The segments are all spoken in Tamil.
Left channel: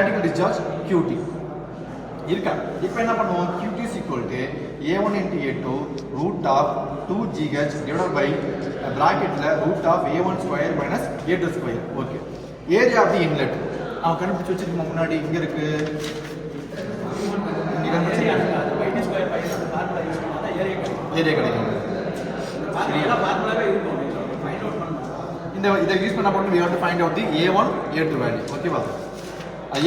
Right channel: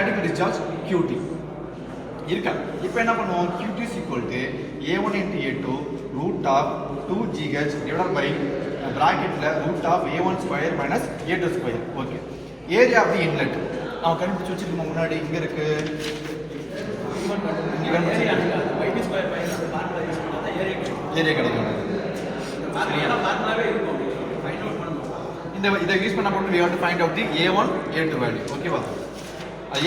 theoretical discharge QT இருக்கா. இப்போ என்ன பண்ணுவோம், QT is equal to A1 into A2 root of 2GH divided by bracketல root of A1 square minus A2 square. Okay, area of the inlet அவன் கண்டுபிடிச்சு வச்சிருக்கோம். முன்னாடி இங்க இருக்கு ஏரியா கிடைக்கும். இதை யூஸ் பண்ண போட்டு we have to find out the A1 A2 value. ஓகேவா,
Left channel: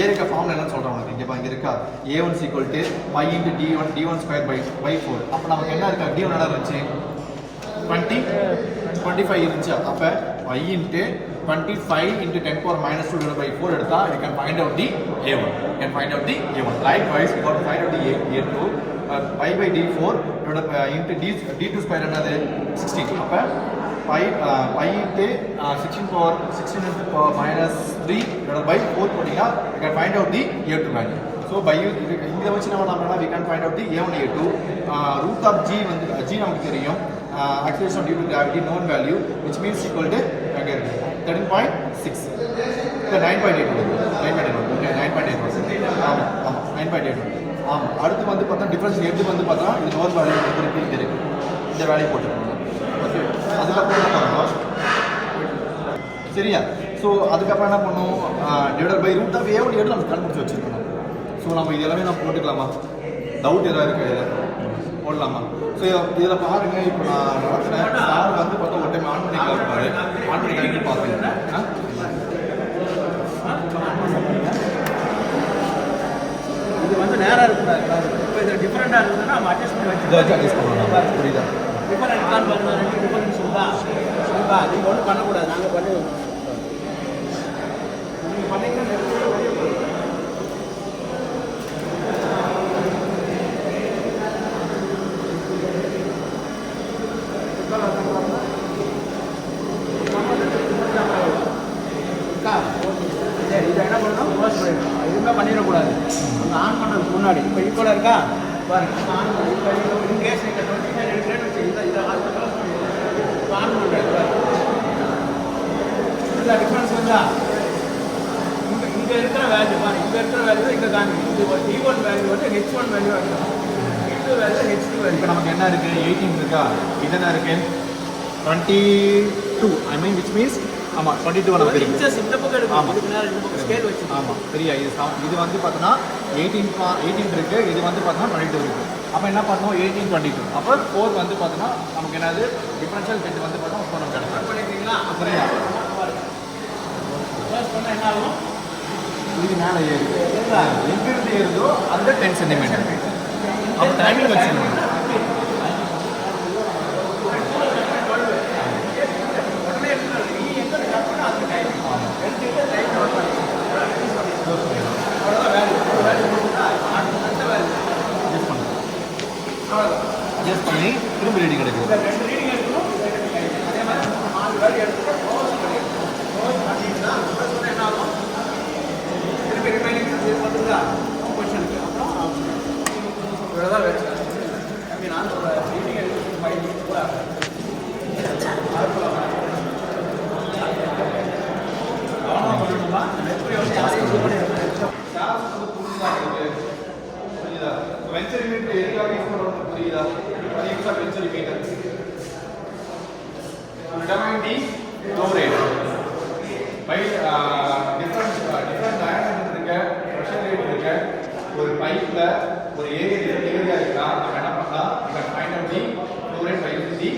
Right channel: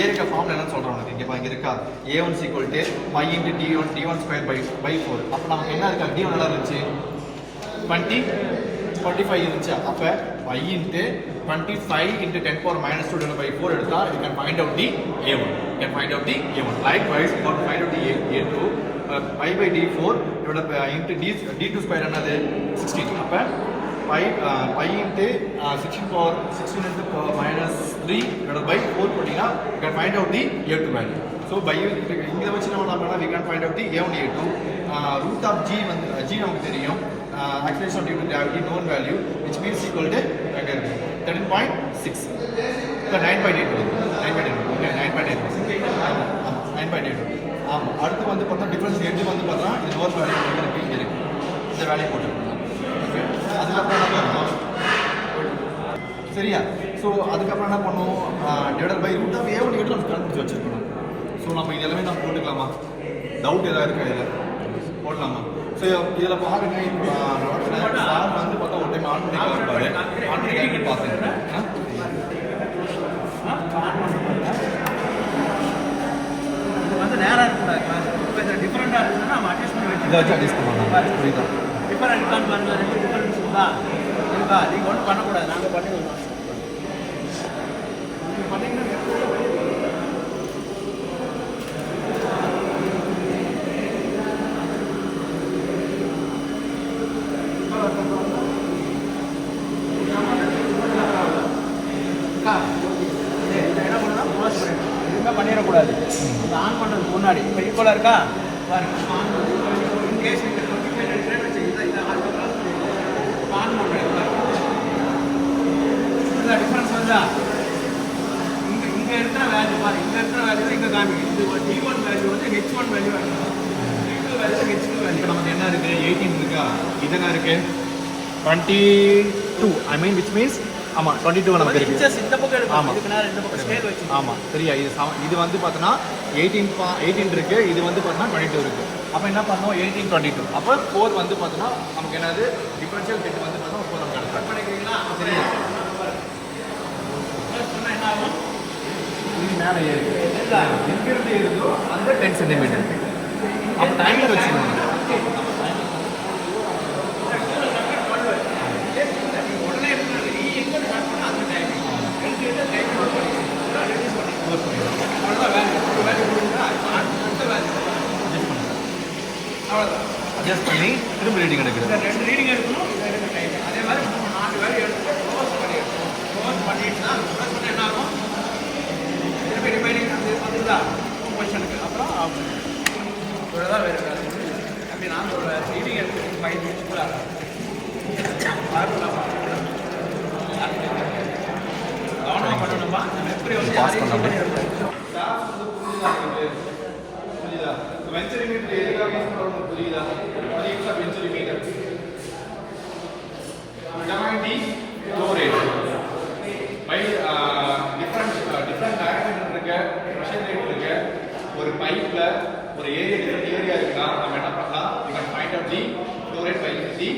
ஏரியா ஃபார்முலா என்னன்னு சொல்றேன் உங்களுக்கு. இங்க இருக்கா A1 is equal to y into d1 square by 4. அப்ப நமக்கு என்ன இருக்கா, d1 என்ன இருந்துச்சு 25 இருந்துச்சு. அப்ப y into 25 into 10 power minus 2 divided by 4 எடுத்தா you can find out the A1. You can find out the A1. Likewise, you can find out the A2 pi by d4 divided by into d2 square என்னது 16. அப்ப pi into 16 power 16 into power minus 3 divided by 4 போட்டீங்கன்னா you can find out the A2 value. So by இங்க வச்சு நம்ம we can find out the A1 A2. root of g வந்து g நமக்கு தெரியும். Acceleration due to gravity known value, which means equal to 13.6 இல்ல 9.8 ஓகே 9.8 ஆமா 9.8 ஆமா. அடுத்து வந்து பார்த்தா டிஃபரன்ஸ் எது வந்து பார்த்தா இது நோன் வேல்யூ வந்து இங்க இருக்கு, இந்த வேல்யூ போட்டுருக்கோம். ஓகே, அதுக்கப்புறம் என்ன பண்ணுவோம் சரியா. ஸோ அதுக்கப்புறம் என்ன பண்ணுவோம், divided by root of A1 A2 நம்ம கண்டுபிடிச்சு வச்சிருக்கோம். ஸோ நம்ம இதெல்லாமே நம்ம போட்டுக்கலாமா, டவுட் ஏதாவது இருக்கு இதில் போடலாமா. ஸோ இதில் பாருங்க, இப்போ நான் நடத்துகிறேன். சார் வந்து பார்த்தா ஒரு டைம் ஆன் பண்ணி இருப்பாரு, ஆன் பண்ணி கழிப்பு பார்த்தேன். இது வந்து நேராக இருக்கக்கூடாது. இப்போ இதில் டிஃப்ரெண்டாக இருக்குன்னா நம்ம அட்ஜஸ்ட் பண்ணி வச்சு அட்ஜஸ்ட் பண்ணணும். புரியுதா, டிஃபரெண்ட் இருக்கான்னு பாருங்க. ரெண்டு டிஃபரன்ஸ் இருக்கா இருக்கா, நீங்கள் ஒன்றும் பண்ணக்கூடாது, நாங்கள் பண்ணி விடுவோம். நீங்கள் பண்ணீங்கன்னா இதை என்ன பண்ணணும், க்ளோஸ் பண்ணிடணும். எதுவுமே பண்ணிடக்கூடாது. அந்த ஆன் பண்ணுறதுக்கு முன்னாடி இப்போ ஈக்குவலாக இருக்கா பாருங்க. ஆன் பண்ணி கேஸ் இந்த 25 வச்சு இதை ஆன் பண்ணுறேன். இல்லை டிஃப்ரென்ஸ் வந்தா இங்கே இருக்கிற வேல்யூ பாருங்க, இங்கே இருக்கிற வேல்யூ இங்கே காமிக்கும். இது D1 வேல்யூ வந்து H1 வேல்யூ ஆகிடும், D2 வேல்யூ H2 வேல்யூ. நமக்கு என்ன இருக்கு, 18 இருக்கா, இது என்ன இருக்கு 22. ஐ மீன் விச் மீன்ஸ் ஆமாம் 22 நமக்கு தெரியும். இந்த பக்கம் இருக்கும், இதுக்கு நேரம் இந்த பக்கம் ஸ்கேல் வச்சு. ஆமாம் சரியா. இது வந்து பார்த்தோன்னா 18 இருக்கு, இது வந்து பார்த்தோன்னா 22 இருக்கு. அப்போ என்ன பண்ணோம் 18 22. அப்போ 4 வந்து பார்த்தோன்னா நமக்கு என்னது டிஃபரன்ஷியல் டெட் வந்து பார்த்தோம் 4 நமக்கு கிடைக்கும். பண்ணிக்கிறீங்களா சரியா, பண்ணால் என்ன ஆகும், இது மேலே ஏறி எங்கிருந்து ஏறுதோ அந்த 10 சென்டிமீட்டர். அப்போ டைமிங் வச்சுக்கணும். அட்ஜஸ்ட் பண்ணி திரும்பி ரீடிங் எடுக்குது. ரெண்டு ரீடிங் எடுக்கணும், அதே மாதிரி 4 வேல்யூ எடுத்து க்ளோஸ் பண்ணிட்டு தான் என்ன ஆகும், திரும்பி ரிமைனிங் வந்துருக்கா கொஸ்டினுக்கு அப்புறம் ஆப்ஷன் இவ்வளோதான் வேறு. அப்படின்னா ரீடிங் எடுத்து 5 மினிட்ஸ் கூட கவனமாக பண்ணணுமா, எப்படி வந்து புரியுதா, வெஞ்சரி மீட்டர் எதுக்காக யூஸ் பண்ணுறோம் புரியுதா, use of venturi meter flow rate by different diameter இருக்க pressure rate இருக்க ஒரு பைப்ல ஒரு ஏரியா இருக்குன்னா நம்ம என்ன பண்ணலாம், we can find out the flow rate by using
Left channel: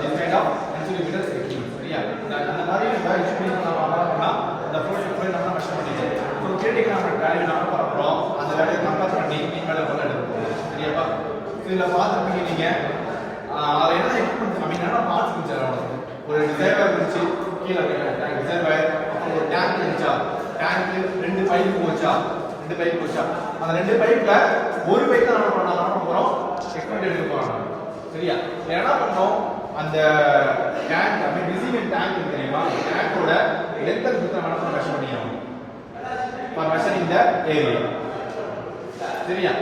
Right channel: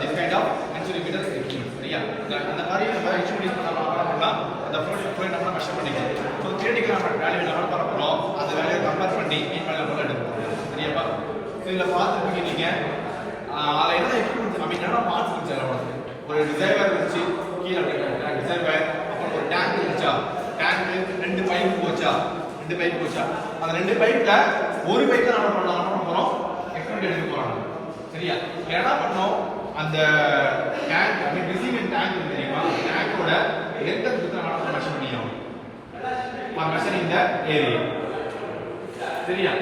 this kind of venceri meter instrument. சரியா, அந்த மாதிரி நம்ம இன்ஸ்ட்ருமெண்ட் நம்ம அப்ளை பண்ணலாம், அந்த flow rate நம்ம மெஷர் பண்ணிக்கலாம். ஸோ தியரிட்டிக்கல் நம்ம வேல்யூ நம்ம பார்க்குறோம், அந்த வேல்யூ கம்பேர் பண்ணி மேலே போல எடுக்கணும். சரியாப்பா, இதில் பார்த்துருப்பீங்க நீங்கள். அதில் என்ன எக்யூப்மெண்ட் அப்படின்னா பார்த்துருக்கீங்க சார், ஒரு ரிசர்வர் இருந்துச்சு கீழே ரிசர்வர், அப்புறம் ஒரு டேங்க் இருந்துச்சா, டேங்க் 2 பைப் போச்சா, அந்த 2 பைப்ல ஒரு பைப் தான் நம்ம பண்ண போறோம், எக்ஸ்பெரிமெண்ட் எடுக்க போறோம். சரியா, என்ன பண்ணோம், அந்த tank I mean receiving tank இருக்கு தெரியுமா, டேங்கோட லென்த் அண்ட் விட்த் நம்ம மெஷர் பண்ணியாகும் ஃபார் மெஷரிங் த ஏரியா. சரியா.